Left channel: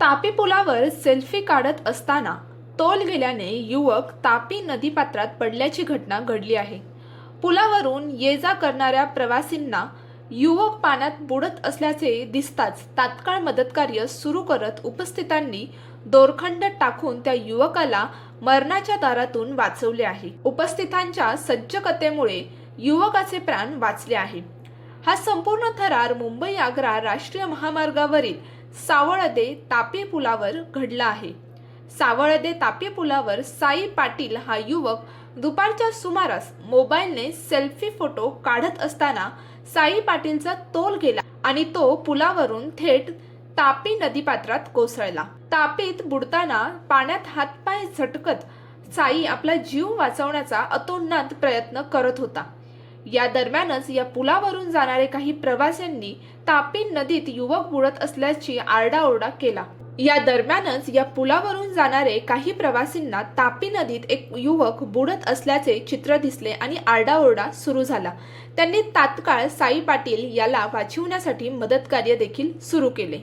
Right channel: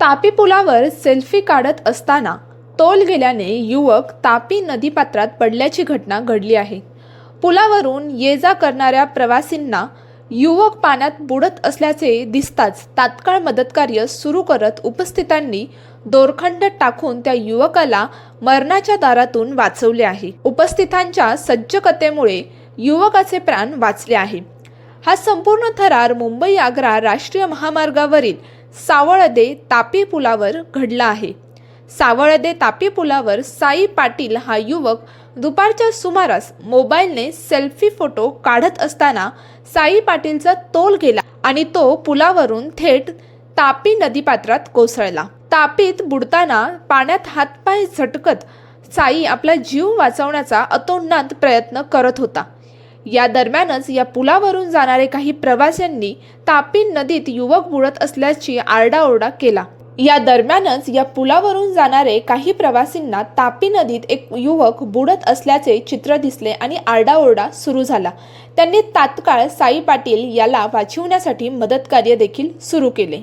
तापी पुलावर सेल्फी काढत असताना तोल गेल्याने युवक तापी नदीपात्रात पडल्याची घटना घडली आहे. पुलावरून ये जा करणाऱ्या प्रवासींना युवक पाण्यात बुडत असल्याचे दिसताच तात्काळ मदतकार्य सुरू करत उपस्थितांनी दोरखंड टाकून त्या युवकाला मरणाच्या दारातून वाचवले आहे. उपस्थितांच्या सज्जकतेमुळे युवकाचे प्राण वाचले आहे. हा संपूर्ण थरार मुंबई आग्रा राष्ट्रीय महामार्गावरील सावळदे तापी पुलावर घडला आहे. सावळदे तापी पुलावर साई पाटील हा युवक दुपारच्या सुमारास मोबाईलने सेल्फी फोटो काढत असताना साई पाटीलचा तोल गेला आणि तो पुलावरून थेट तापी नदीपात्रात कोसळला. तापीत बुडताना पाण्यात हातपाय झटकत साई आपला जीव वाचवण्याचा अतोनात प्रयत्न करत होता. या दरम्यानच या पुलावरून जाणारे काही प्रवाशांनी तापी नदीत युवक बुडत असल्याची आरडाओरडा केला. या दरम्यानच या पुलावरून जाणारे काही प्रवासींना तापी नदीत एक युवक बुडत असल्याचे चित्र दिसले आणि आरडाओरडा सुरू झाला. त्यांनी तात्काळ साई पाटील याला वाचवण्यासाठी मदतकार्य देखील सुरू केले.